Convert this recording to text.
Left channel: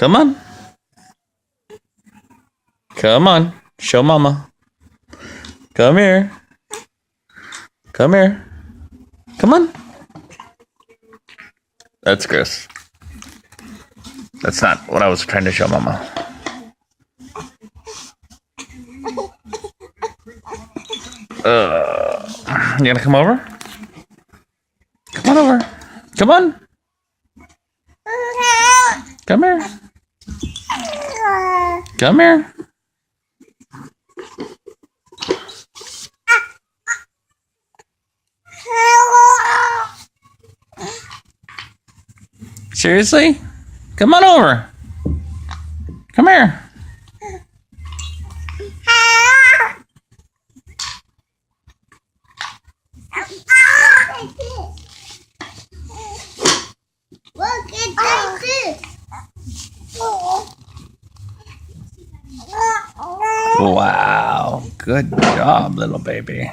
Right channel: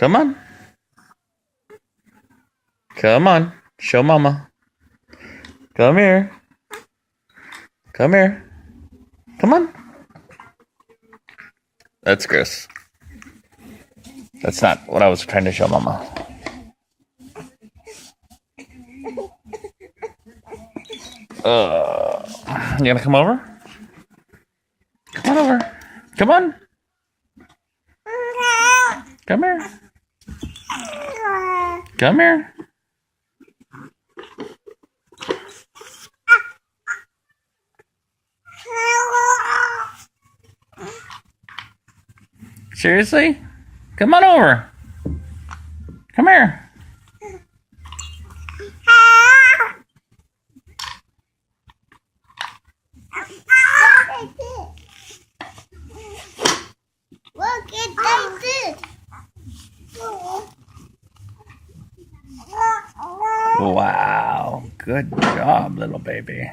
Come on. Come on. Show mama. Come here. Come here. Come on. That's gross. That's not what I was trying to show mama. You gonna come over? Come on over. Come on. Come here. Come here. Seriously? Come on over. Come here. Look at this. Wow. Good job, little baby.